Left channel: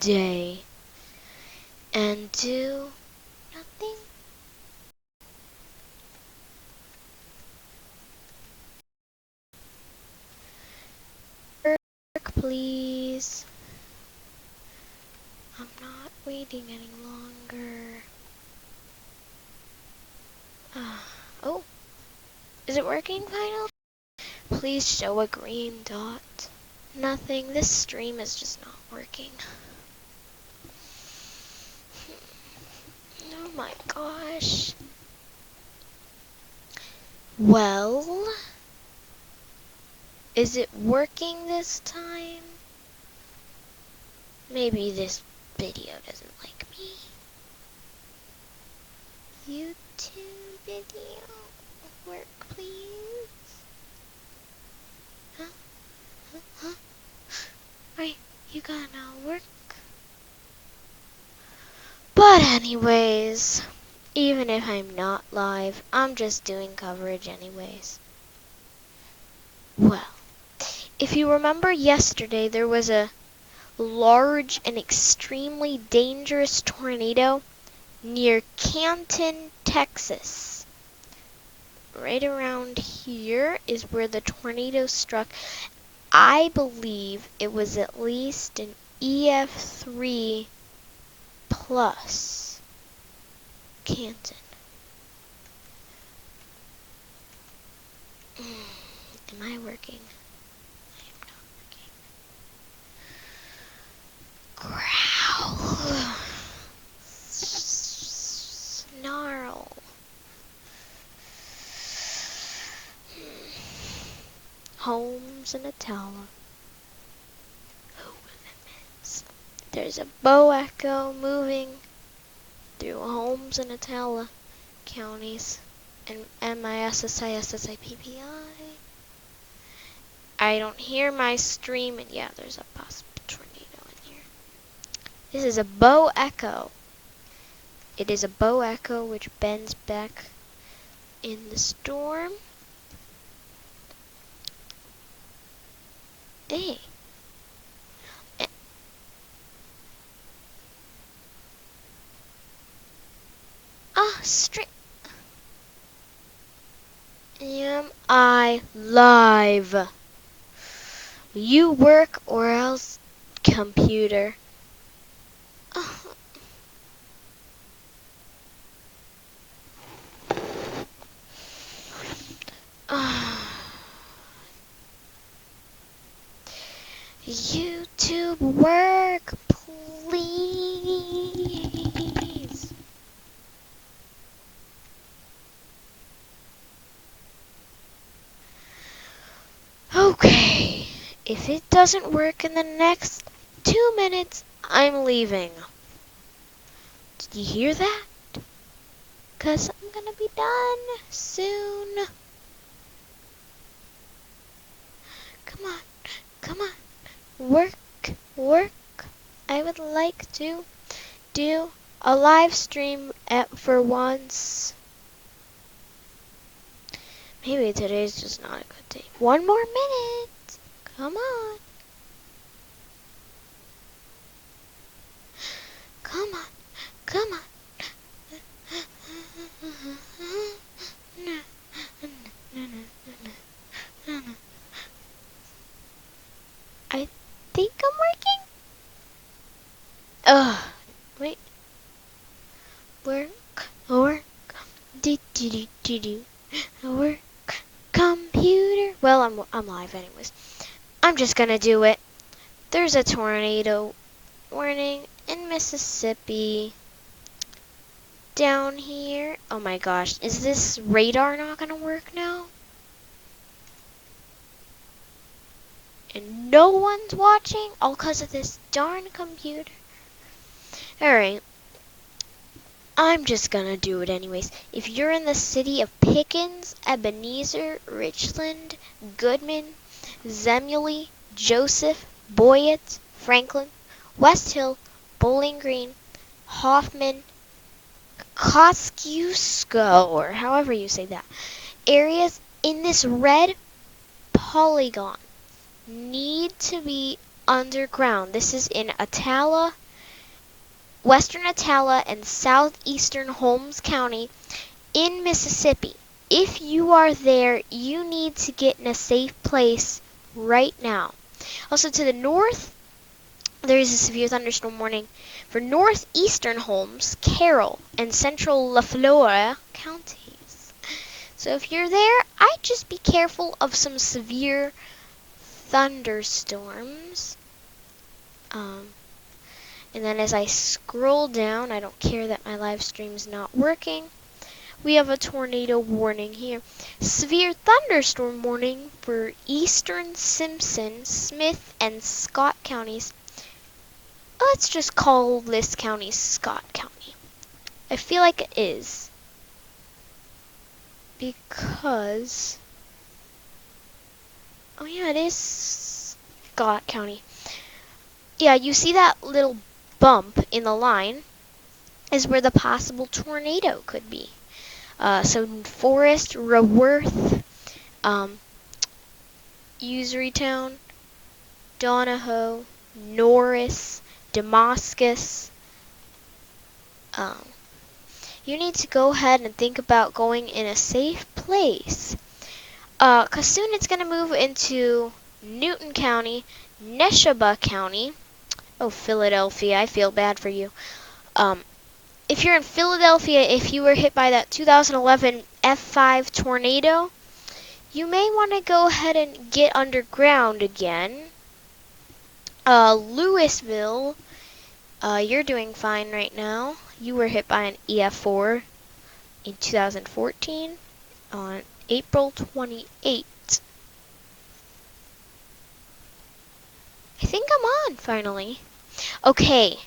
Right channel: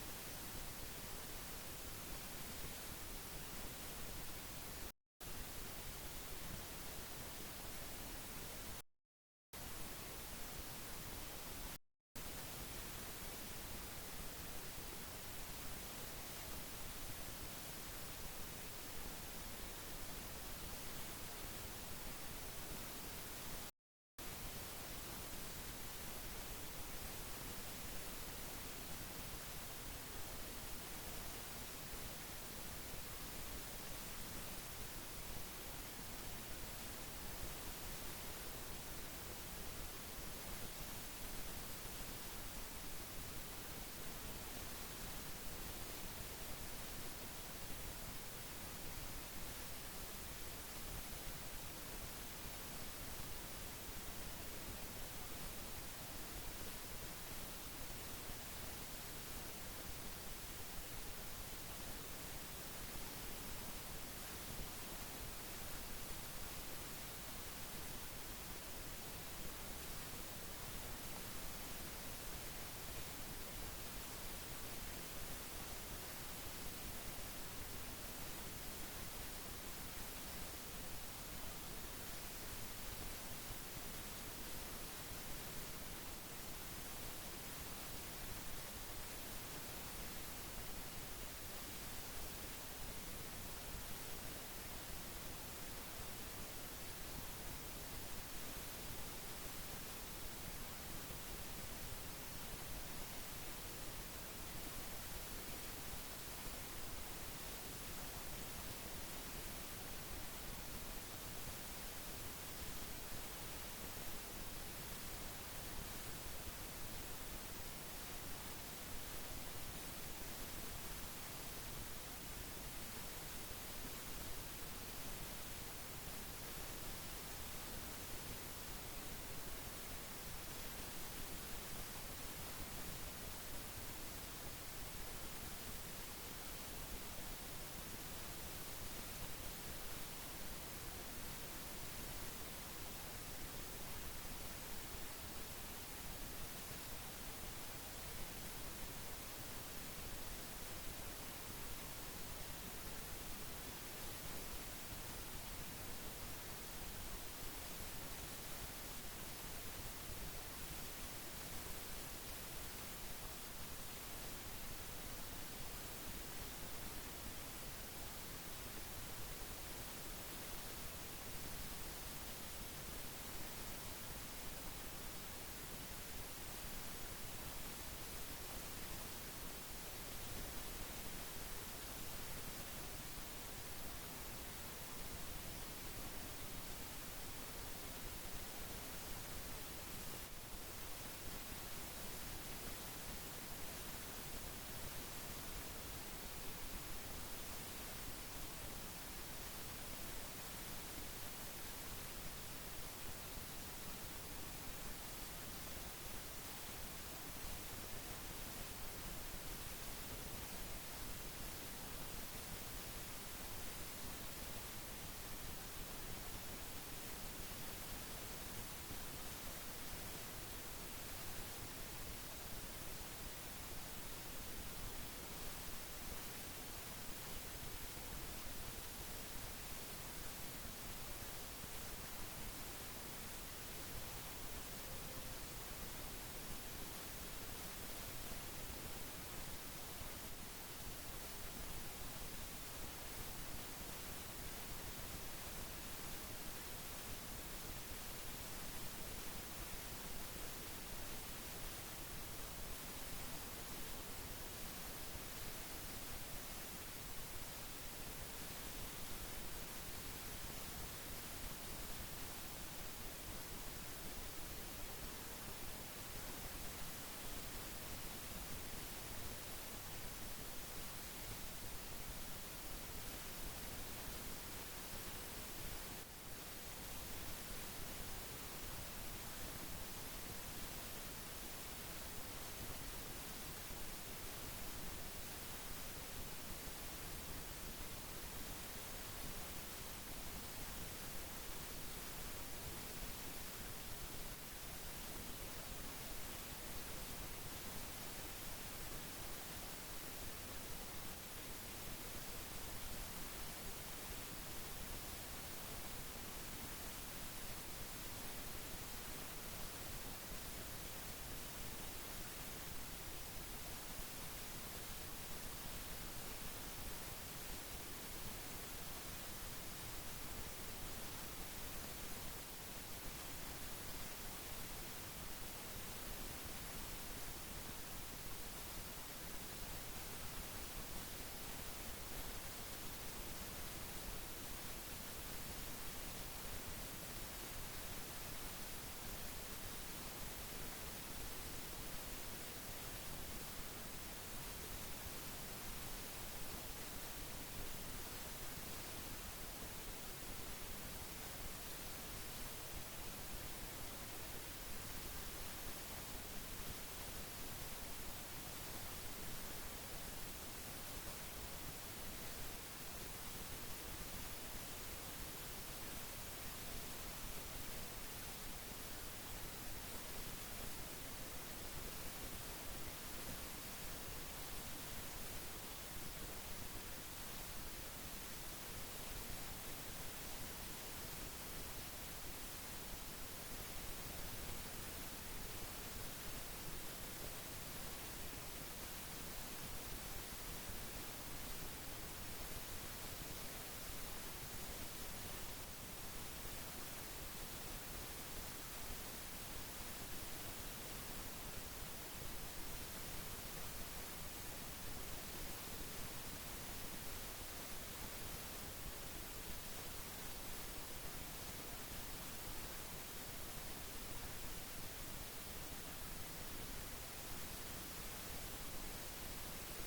day and do nothing? Work, please. I'm not waiting any longer. Oh, is it working finally? Please show a green dot. Nothing. This stream is just not working. Oh my gosh. Well, is it working this time? Maybe this video doesn't like me. YouTube video. Work, please. Huh? Huh? Right, you gotta work. But anyways, even if I'm not live, I'm just doing coverage anyways. Well, if you remember yesterday, there was a large and extremely dangerous tornado near Canton, Texas. Right around here is where the tornado struck. I believe it was at least an EF3 plus Canton. Am I working? Growl. Snarl. Homes in a tower. There's a bow echo moving through Holmes and Atala counties and MISSISSIPPI. I don't hear my stream, and yeah, there's a possible tornado in here. This is a bow echo. It is a bow echo which bends back in the storm. Hey. Straight. Am I live? You work or else, computer. YouTube work, please. Okay, if it doesn't work in the next 2 minutes, I'm leaving. Did you hear that? 'Cause I'm gonna be done soon. Come on, come on. Work, work. I would like to do a live stream for once. Maybe today's just not a good day. 1 more minute. Come on. Come on. Come on. I think I'm working. Wait. Work. Work. Computer. Well, I'm live anyways. I'm just gonna do it. There's a tornado warning in Mississippi. Down here. Oh my gosh, is this radar not gonna work now? And no one's watching? All because of this darn computer. Alright. I'm just gonna do it anyways. If you're in the city of Pickens, Ebenezer, Richland, Goodman, Zemully, Joseph, Boyett, Franklin, West Hill, Bowling Green, Hoffman, Kosciuszko, or however you say that, areas in this red polygon need to be underground. This is in Atala, western Attala and southeastern Holmes County in Mississippi. If you are there, you need to get in a safe place right now. Also to the north, there is a severe thunderstorm warning for northeastern Holmes, Carroll, and central LaFleur counties. So if you're there, I'd just be careful of some severe thunderstorms. And then as I scroll down, I don't care that my live stream's not working. We have a tornado warning here. Severe thunderstorm warning for eastern Simpson, Smith, and Scott counties. Let's just call this county Scott County. I feel like it is. Because... oh yeah, it is Scott County. Yeah, you see that little bump in the line is where the possible tornado could be. So Forest, Raworth, Userytown, Donahoe, Norris, Damascus. You need to go ahead and think about going in a safe place. 'Cause soon it's going to move into Newton County, Neshoba County. Oh, Philadelphia, I feel bad for you. If you're in Philadelphia, if you were hit by that 2011 F5 tornado, you may want to go ahead and get underground again. Louisville, you're doing fine right now. You were hit by an EF4 in 2014 on April 28th. I think I'm on finally. Okay,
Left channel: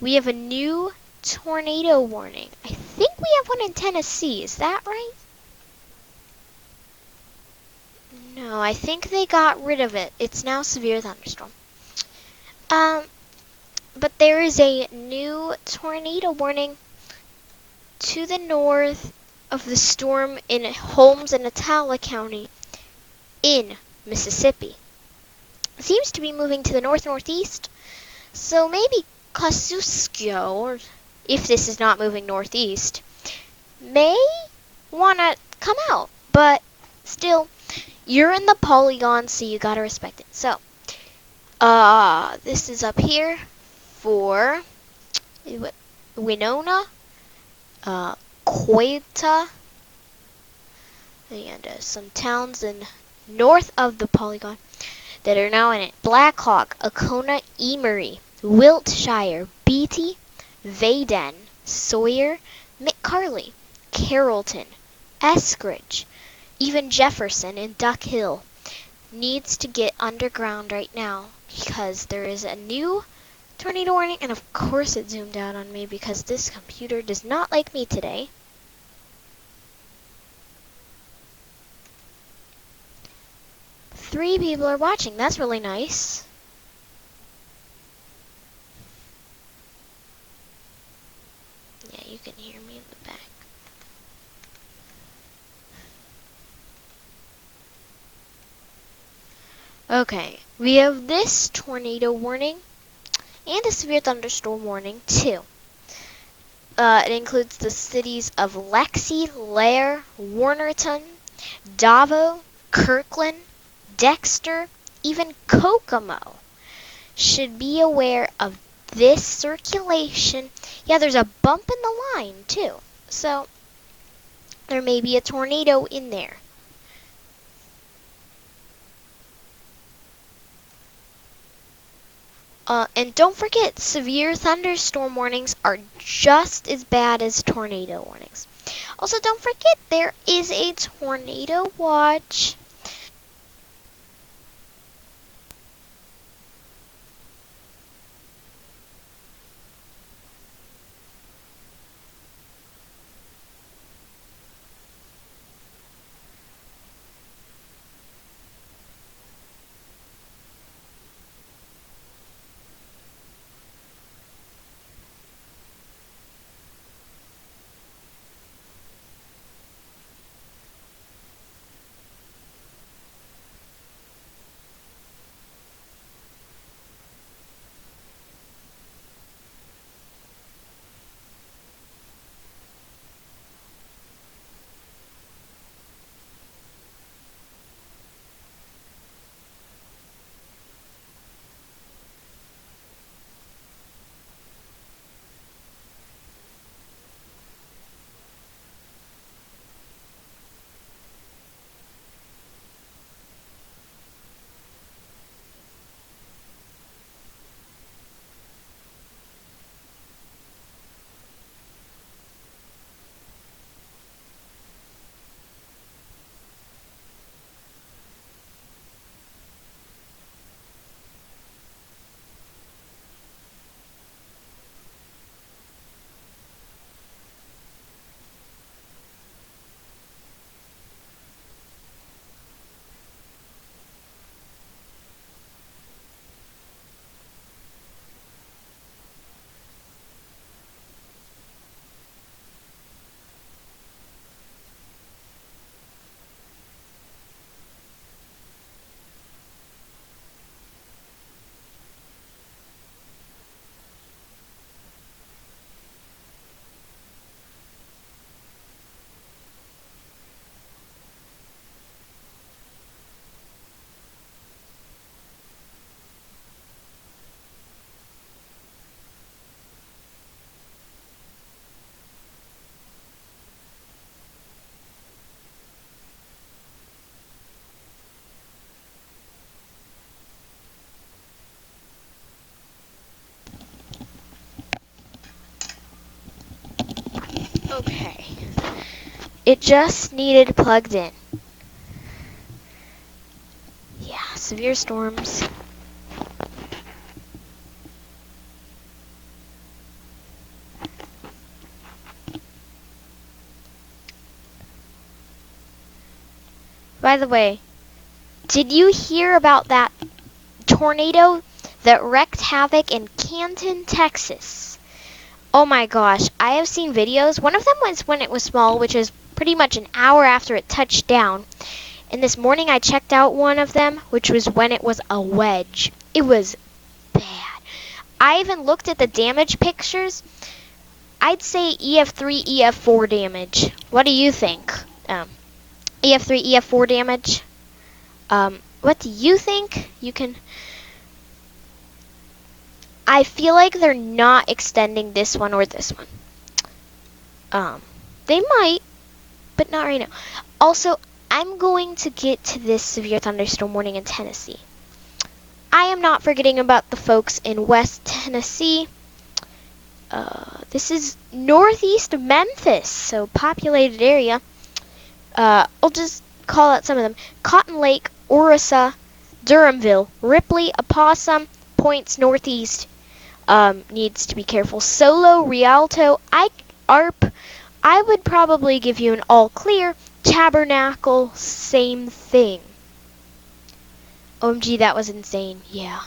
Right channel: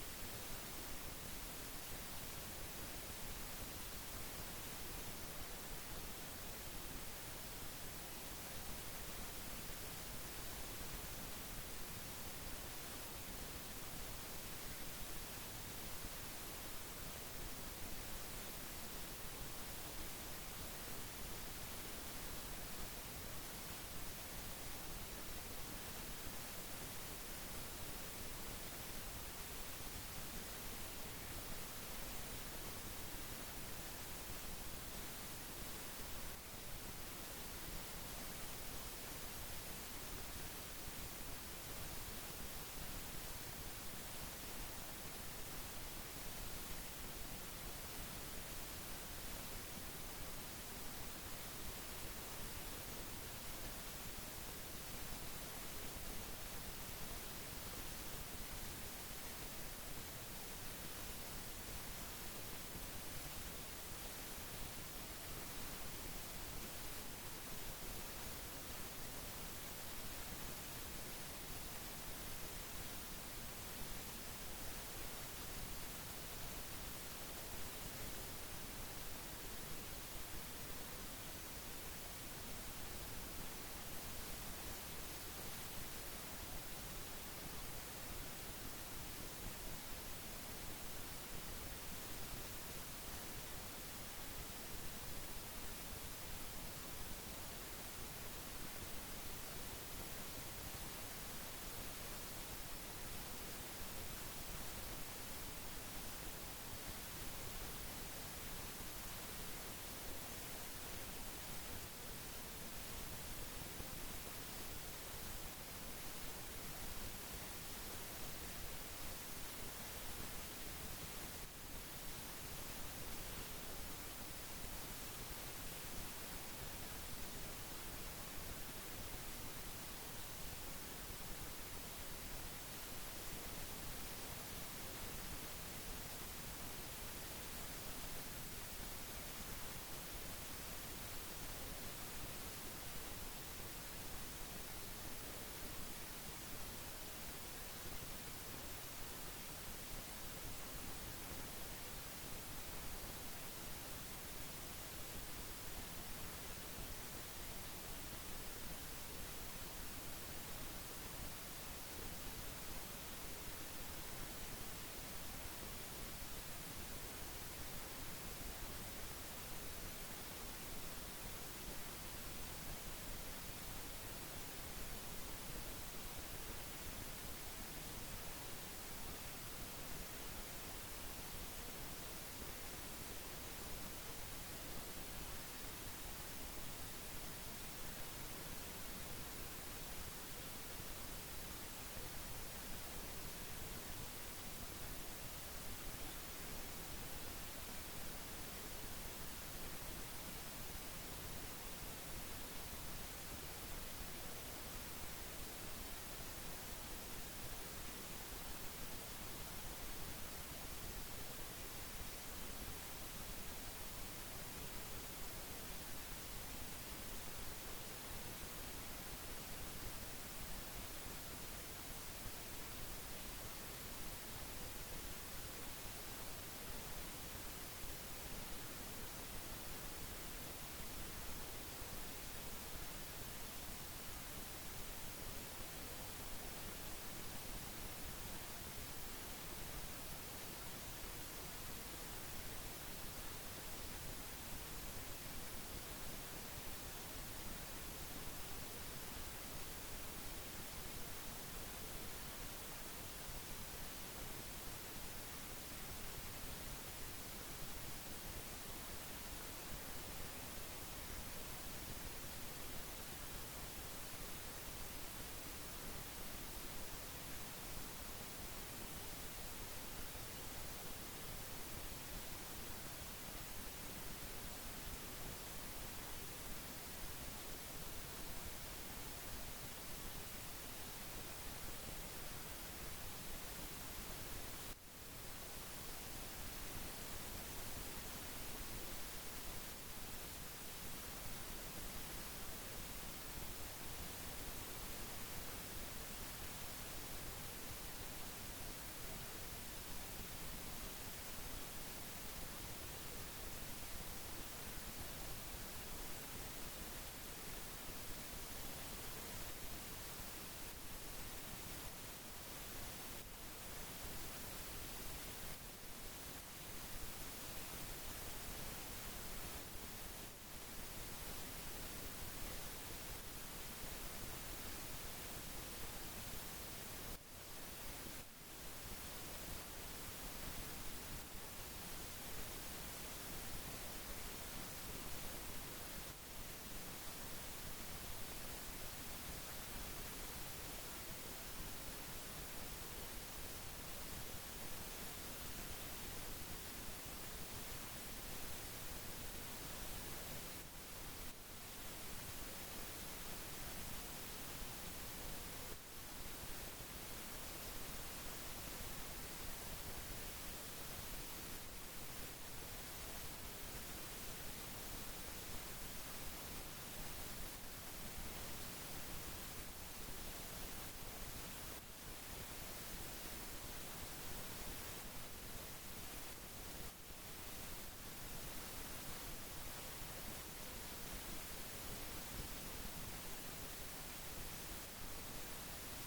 we have a new tornado warning. I think we have one in Tennessee. Is that right? No, I think they got rid of it. It's now severe thunderstorm. But there is a new tornado warning to the north of the storm in Holmes and Attala County in Mississippi. It seems to be moving to the north-northeast, so maybe Kosciuszko, or if this is not moving northeast, may want to come out. But still, you're in the polygon, so you gotta respect it. So, this is up here for Winona, Quetta, and some towns in north of the polygon that are now in it. Blackhawk, Acona, Emery, Wiltshire, Beatty, Vaden, Sawyer, McCarley, Carrollton, Eskridge, even Jefferson and Duck Hill needs to get underground right now because there is a new tornado warning, and of course it zoomed out on me because this computer does not like me today. Three people are watching. That's really nice. Yeah, you can hear me in the back. Okay, we have this tornado warning and a severe thunderstorm warning too. It includes the cities of Lexi, Lair, Warnerton, Davao, Kirkland, Dexter, even Kokomo. Should be aware of this circulation. Yeah, there's a bump in the line too, so there may be a tornado in there. And don't forget, severe thunderstorm warnings are just as bad as tornado warnings. Also, don't forget, there is a tornado watch. It just needed plugged in. Yeah, severe storms. By the way, did you hear about that tornado that wreaked havoc in Canton, Texas? Oh my gosh, I have seen videos. One of them was when it was small, which was pretty much an hour after it touched down. And this morning I checked out one of them, which was when it was a wedge. It was bad. I even looked at the damage pictures. I'd say EF3, EF4 damage. What do you think? EF3, EF4 damage? What do you think? You can... I feel like they're not extending this one or this one. They might, but not right now. Also, I'm going to get to this severe thunderstorm warning in Tennessee. I am not forgetting about the folks in West Tennessee. This is northeast of Memphis, so populated area. I'll just call out some of them. Cotton Lake, Orissa, Durhamville, Ripley, Opossum, Points northeast. Needs to be careful. Solo, Rialto, Arp. I would probably give you an all clear. Tabernacle, same thing. OMG, that was insane. Yeah.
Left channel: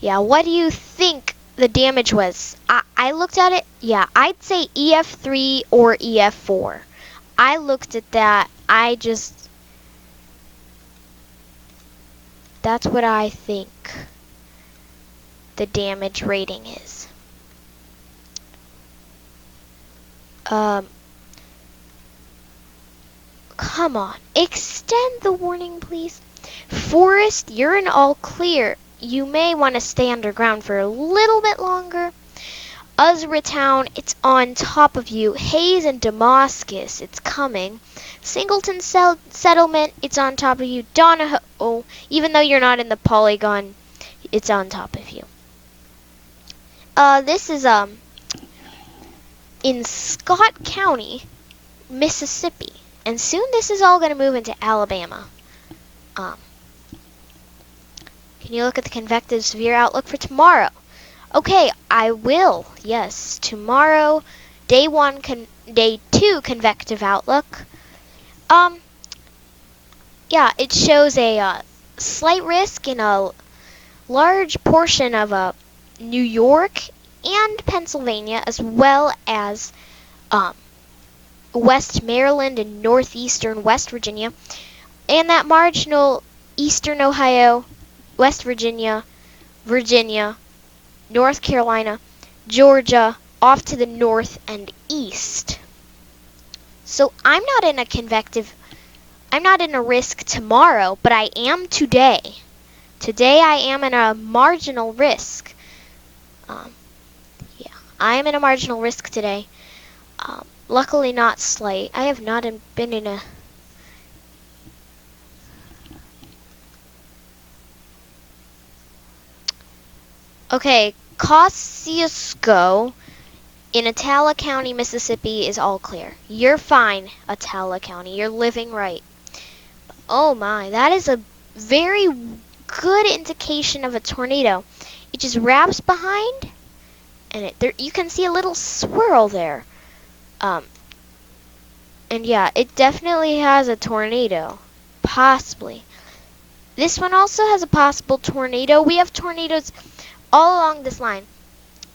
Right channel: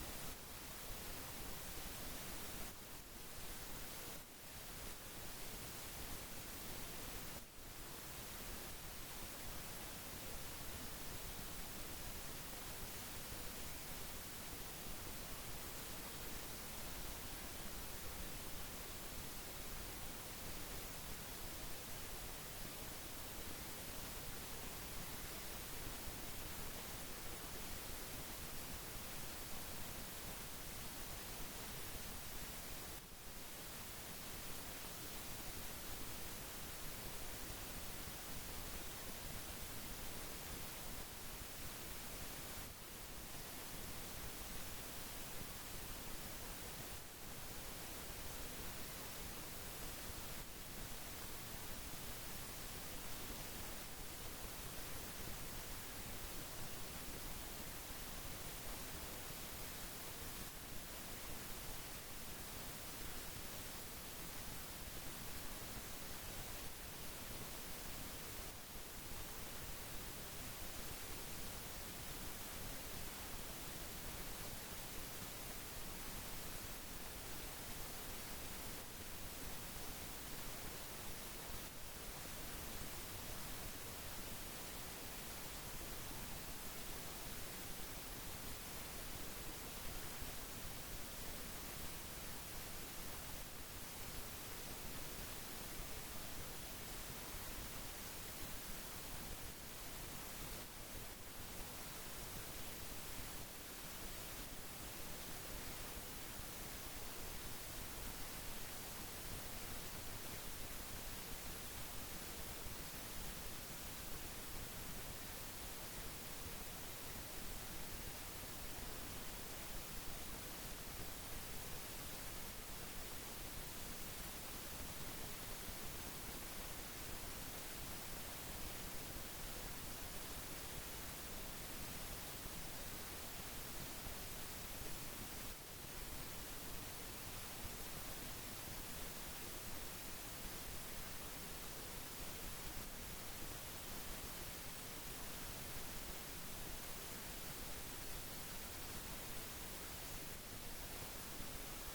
Yeah, what do you think the damage was? I looked at it. Yeah, I'd say EF3 or EF4. I looked at that. That's what I think the damage rating is. Come on. Extend the warning, please. Forest, you're in all clear. You may want to stay underground for a little bit longer. Uzra Town, it's on top of you. Hayes and Damascus, it's coming. Singleton Settlement, it's on top of you. Donahoe, even though you're not in the polygon, it's on top of you. This is in Scott County, Mississippi. And soon this is all going to move into Alabama. Can you look at the convective severe outlook for tomorrow? Okay, I will. Yes, tomorrow, day 2 convective outlook. Yeah, it shows a slight risk in a large portion of New York and Pennsylvania, as well as West Maryland and northeastern West Virginia, and that marginal eastern Ohio, West Virginia, North Carolina, Georgia, off to the north and east. So I'm not in a risk tomorrow, but I am today. Today I am in a marginal risk. Yeah, I am in a marginal risk today. Luckily not slight. I have not been in a... Okay, Kosciuszko in Atala County, Mississippi is all clear. You're fine, Atala County. You're living right. Oh my, that is a very good indication of a tornado. It just wraps behind, and you can see a little swirl there. And yeah, it definitely has a tornado. Possibly. This one also has a possible tornado. We have tornadoes all along this line.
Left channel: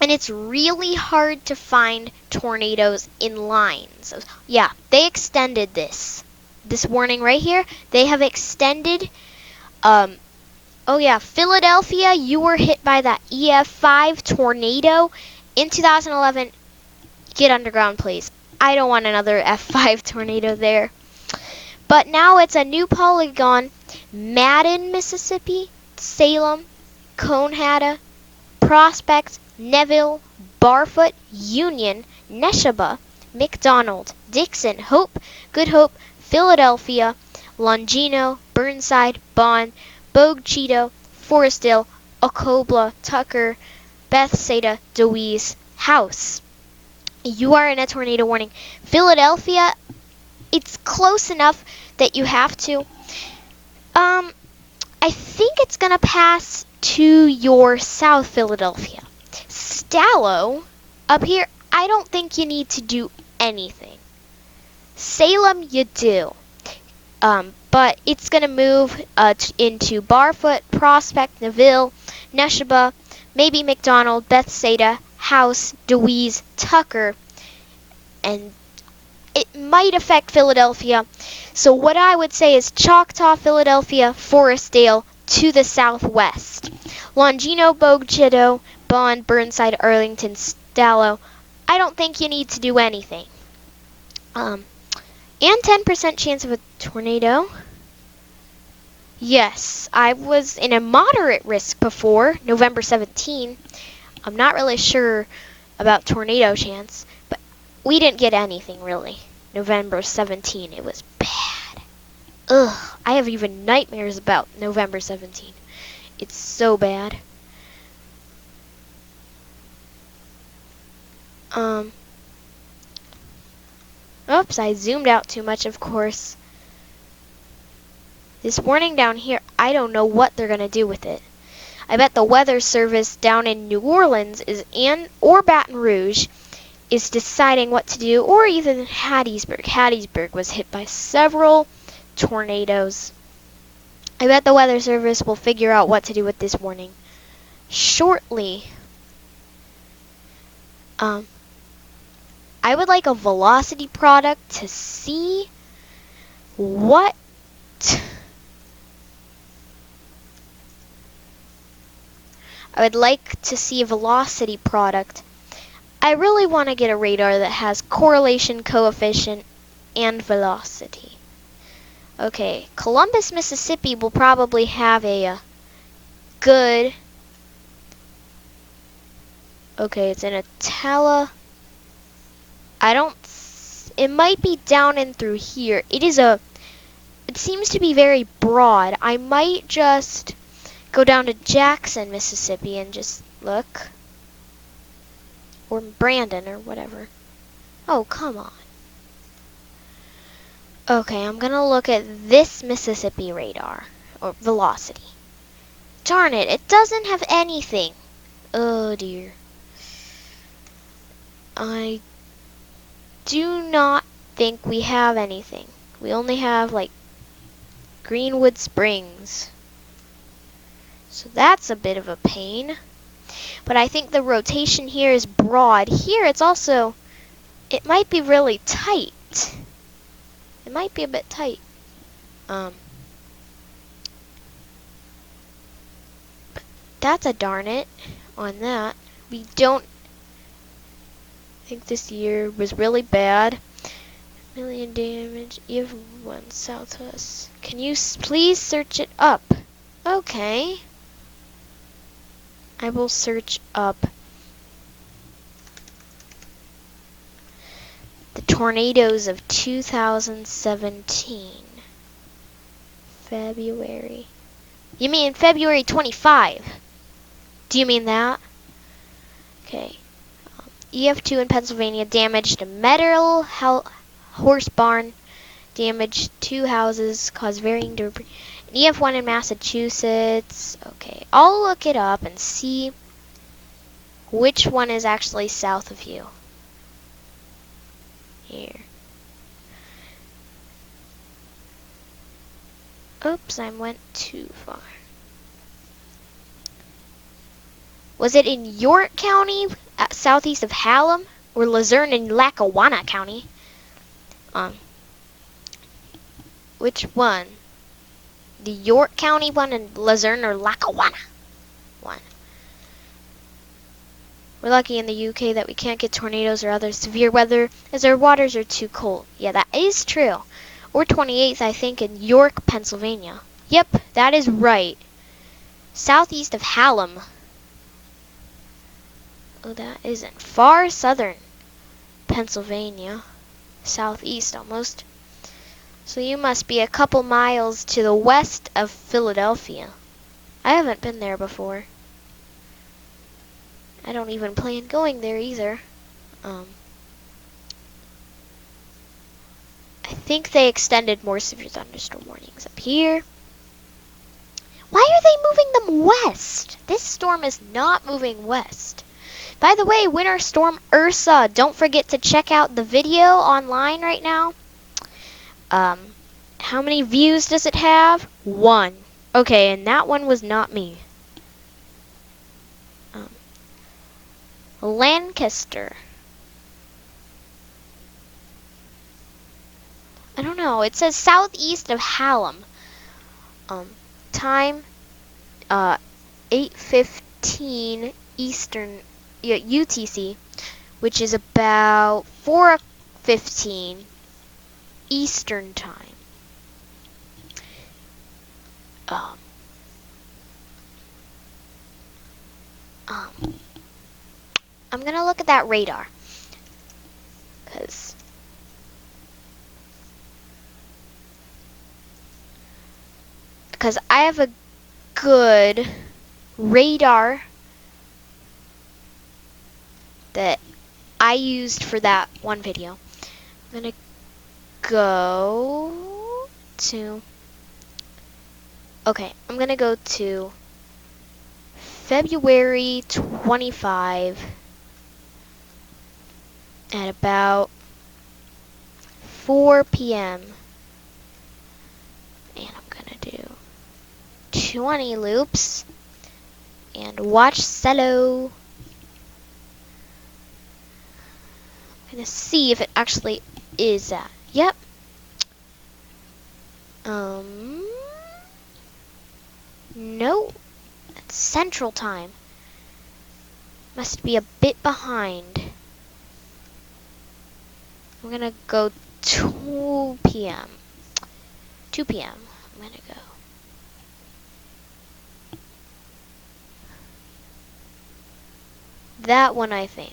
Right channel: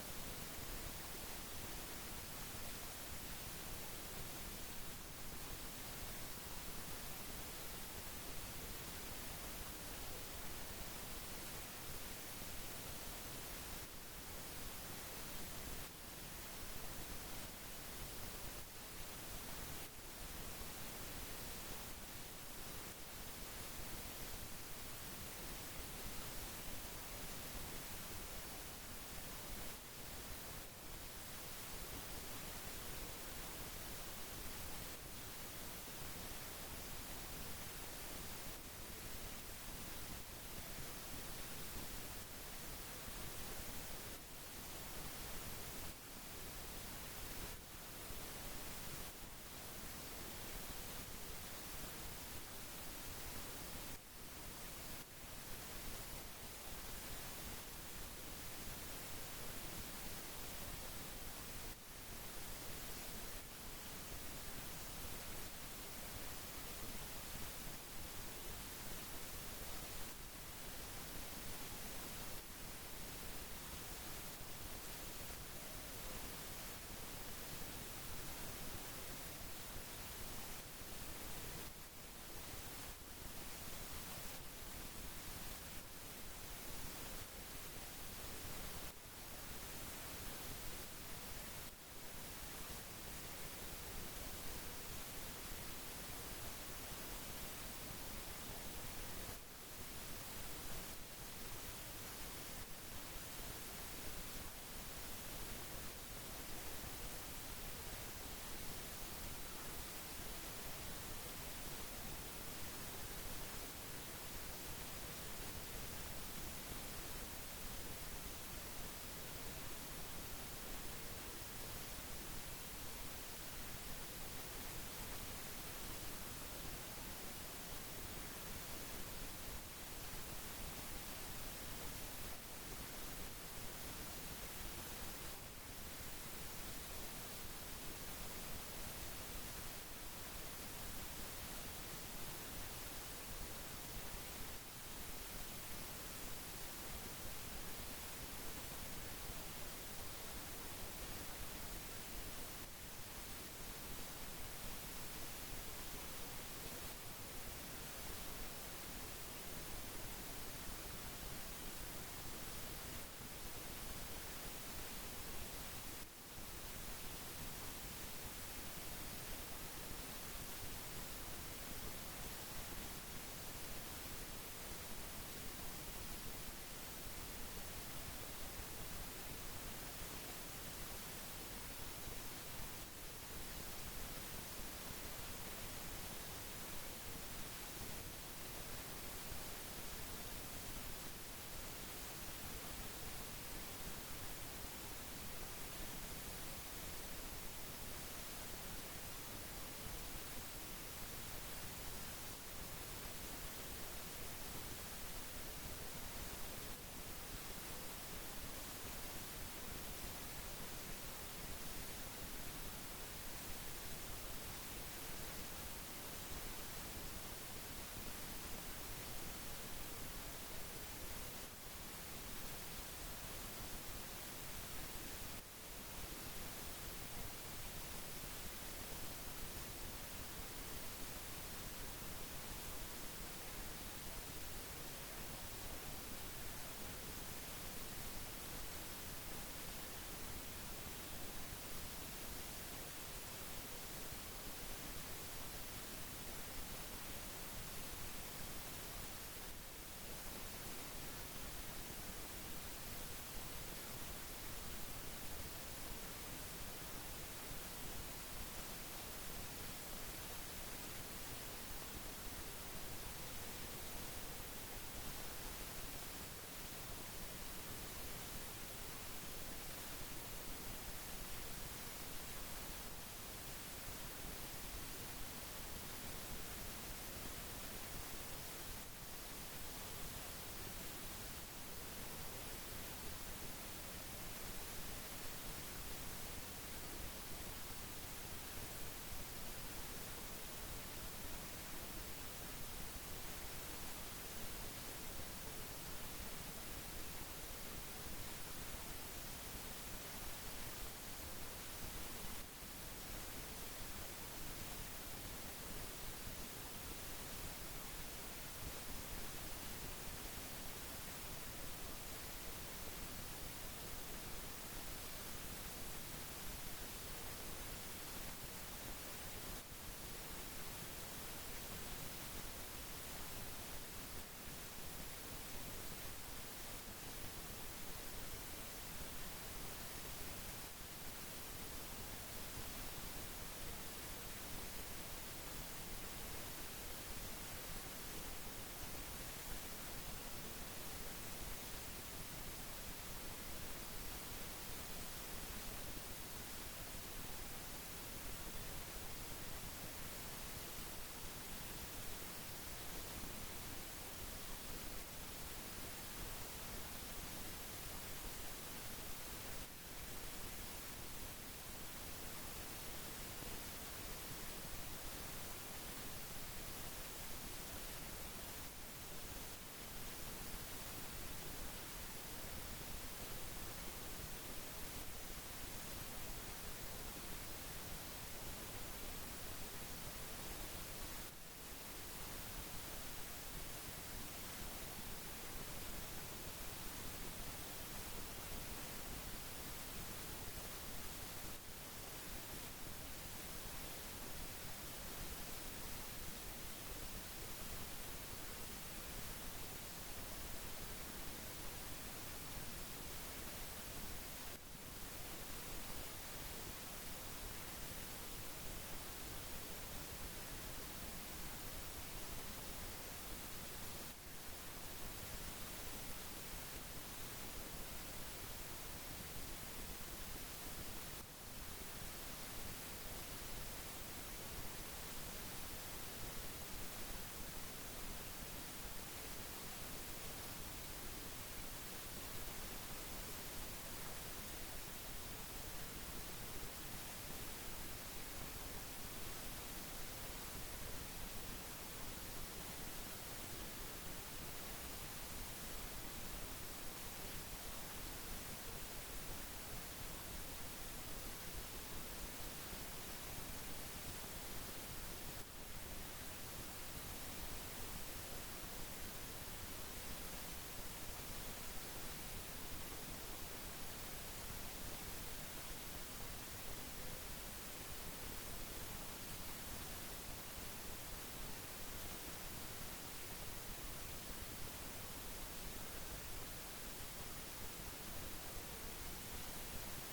And it's really hard to find tornadoes in lines. So, yeah, they extended this. This warning right here, they have extended. Oh yeah, Philadelphia, you were hit by that EF5 tornado in 2011. Get underground, please. I don't want another F5 tornado there. But now it's a new polygon. Madden, Mississippi, Salem, Conehatta, Prospect, Neville, Barfoot, Union, Neshaba, McDonald, Dixon, Hope, Good Hope, Philadelphia, Longino, Burnside, Bond, Bogue Cheeto, Forestdale, Ocobla, Tucker, Bethsaida, Deweese, House. You are in a tornado warning. Philadelphia, it's close enough that you have to. I think it's gonna pass to your South Philadelphia. Stallo, up here, I don't think you need to do anything. Salem, you do. But it's gonna move into Barfoot, Prospect, Neville, Neshaba, maybe McDonald, Bethsaida, House, DeWeese, Tucker, and it might affect Philadelphia. So what I would say is Choctaw, Philadelphia, Forestdale to the southwest. Longino, Bogchido, Bond, Burnside, Arlington, Stallo. I don't think you need to do anything. And 10% chance of a tornado. Yes, I was in a moderate risk before, November 17. I'm not really sure about tornado chance, but we didn't get anything really. November 17, it was bad. Ugh, I have even nightmares about November 17. It's so bad. Oops, I zoomed out too much, of course. This warning down here, I don't know what they're gonna do with it. I bet the weather service down in New Orleans or Baton Rouge is deciding what to do, or even Hattiesburg. Hattiesburg was hit by several tornadoes. I bet the weather service will figure out what to do with this warning shortly. I would like a velocity product to see what I would like to see a velocity product. I really want to get a radar that has correlation coefficient and velocity. Okay, Columbus, Mississippi will probably have a good... Okay, it's in a it might be down and through here. It seems to be very broad. I might just go down to Jackson, Mississippi and just look. Or Brandon or whatever. Oh, come on. Okay, I'm gonna look at this Mississippi radar, or velocity. Darn it, it doesn't have anything. Oh dear. I do not think we have anything. We only have like Greenwood Springs. So that's a bit of a pain. But I think the rotation here is broad. Here it's also, it might be really tight. It might be a bit tight. But that's a darn it on that. We don't think this year was really bad. Million damage, even one south of us. Can you please search it up? Okay. I will search up the tornadoes of 2017. February. You mean February 25? Do you mean that? Okay. EF2 in Pennsylvania damaged a metal horse barn, damaged 2 houses, caused varying debris. EF1 in Massachusetts. Okay, I'll look it up and see which one is actually south of you. Here. Oops, I went too far. Was it in York County, southeast of Hallam, or Luzerne in Lackawanna County? Which one? The York County one in Luzerne or Lackawanna one? We're lucky in the UK that we can't get tornadoes or other severe weather as our waters are too cold. Yeah, that is true. Or 28th, I think, in York, Pennsylvania. Yep, that is right. Southeast of Hallam. Oh, that isn't far southern Pennsylvania. Southeast almost. So you must be a couple miles to the west of Philadelphia. I haven't been there before. I don't even plan going there either. I think they extended more severe thunderstorm warnings up here. Why are they moving them west? This storm is not moving west. By the way, Winter Storm Ursa, don't forget to check out the video online right now. How many views does it have? 1. Okay, and that one was not me. Lancaster. I don't know. It says southeast of Hallam. Time 8:15 Eastern, yeah, UTC, which is about 4:15 Eastern time. I'm gonna look at that radar, because I have a good radar that I used for that one video. I'm gonna go to, okay, I'm gonna go to February 25 at about 4 p.m. and I'm gonna do 20 loops and watch cello. I'm gonna see if it actually is that. Yep. No. It's Central Time. Must be a bit behind. I'm gonna go 2 p.m. 2 p.m. I'm gonna go. That one, I think.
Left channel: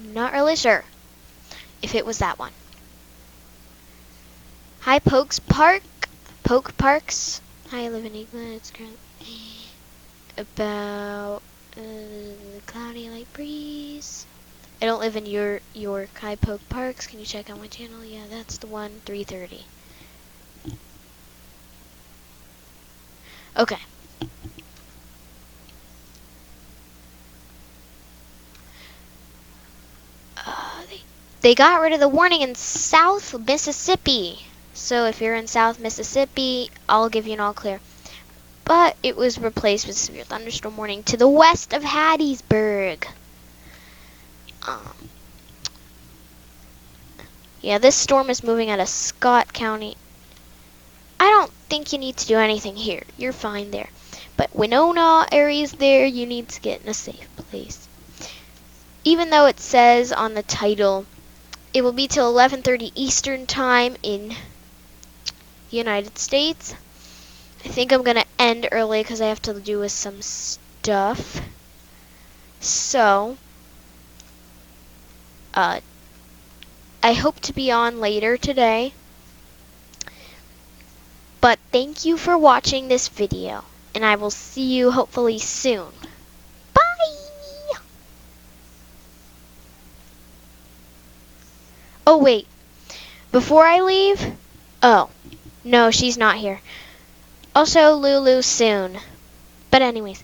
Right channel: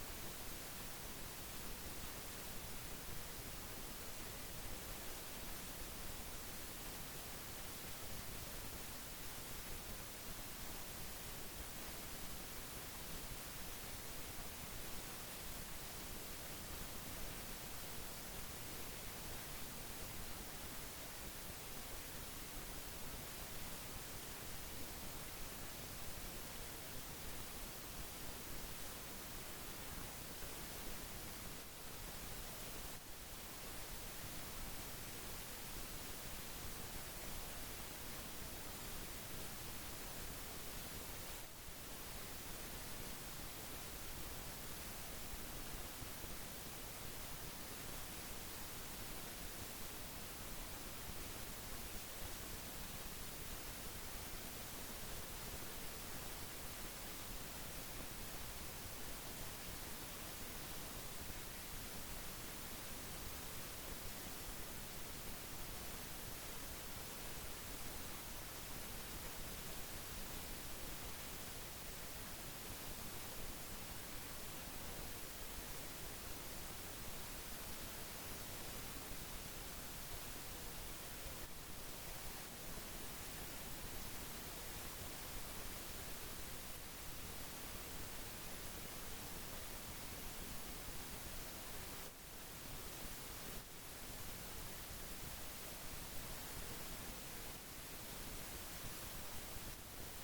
I'm not really sure if it was that one. Hi, Pokes Park. Poke Parks. Hi, I live in England. It's currently about cloudy light breeze. I don't live in York. Hi, Poke Parks. Can you check out my channel? Yeah, that's the one. 3:30. Okay. They got rid of the warning in South Mississippi. So if you're in South Mississippi, I'll give you an all clear. But it was replaced with severe thunderstorm warning to the west of Hattiesburg. Yeah, this storm is moving out of Scott County. I don't think you need to do anything here. You're fine there. But Winona area's there, you need to get in a safe place. Even though it says on the title, it will be till 11:30 Eastern time in the United States. I think I'm gonna end early because I have to do with some stuff. So, I hope to be on later today. But thank you for watching this video, and I will see you hopefully soon. Bye! Oh wait, before I leave, oh, no, she's not here. Also Lulu soon. But anyways,